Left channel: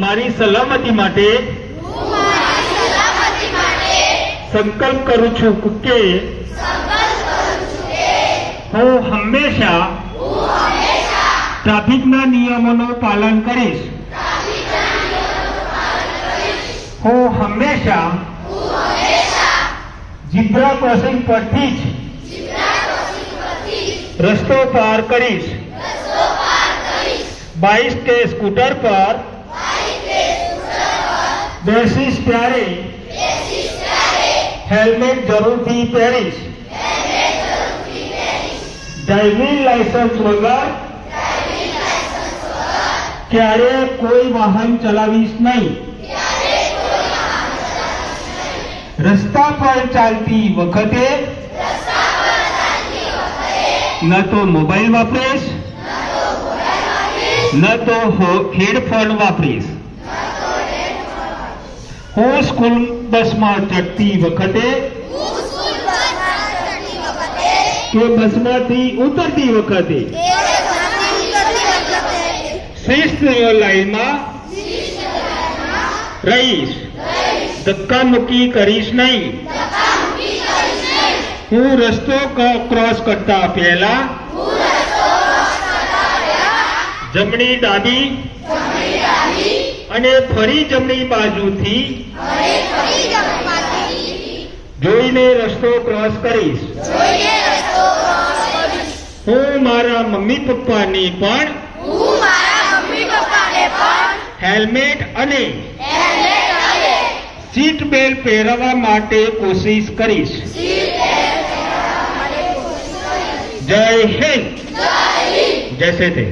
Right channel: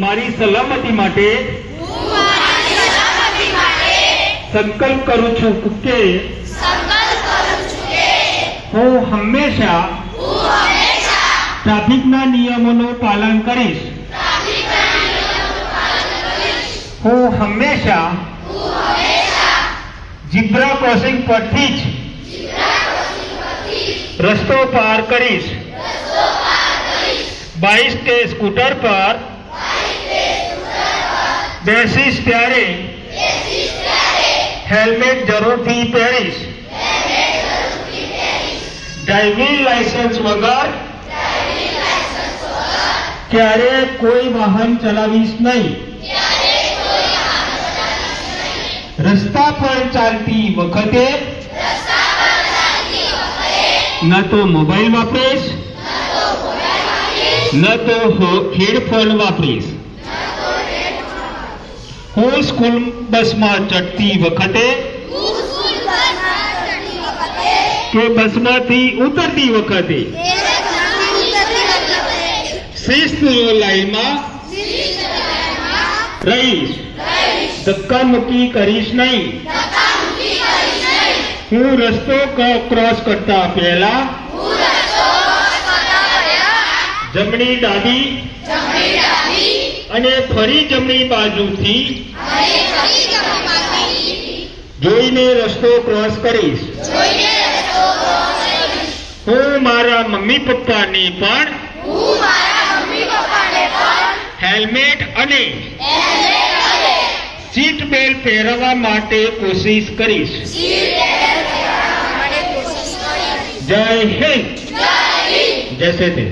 મારી સલામતી માટે સંકલ્પ કરું છું કે હું હંમેશા ટ્રાફિકના નિયમોનું પાલન કરીશ. હું હંમેશા જીબ્રા ક્રોસિંગ પરથી જ રસ્તો પાર કરીશ. બાઇક કે સ્કૂટર પર બેસીશ ત્યારે? હેલ્મેટ જરૂરથી પહેરીશ. ડ્રાઇવિંગ લાયસન્સ વગર? ક્યારે કોઈ વાહન ચલાવીશ નહીં. રસ્તા પર ચાલતી વખતે? ન તો મોબાઈલ વાપરીશ. ન તો હેડફોન વાપરીશ. હું સ્કૂલ બસમાં ચડતી વખતે કે બસમાંથી ઉતરતી વખતે શિસ્ત લાઈનમાં રહીશ ધક્કા મૂકી કરીશ નહીં હું રસ્તો ક- ક્રોસ કરતા પહેલા જમણી ડાબી અને ફરી જમણી બાજુથી જોઈને રસ્તો ક્રોસ કરીશ. હું મારા મમ્મી પપ્પાની પણ હેલ્મેટ અને સીટ બેલ્ટ પહેરવા માટે કોશિશ કરીશ. જય હિન્દ. જય તે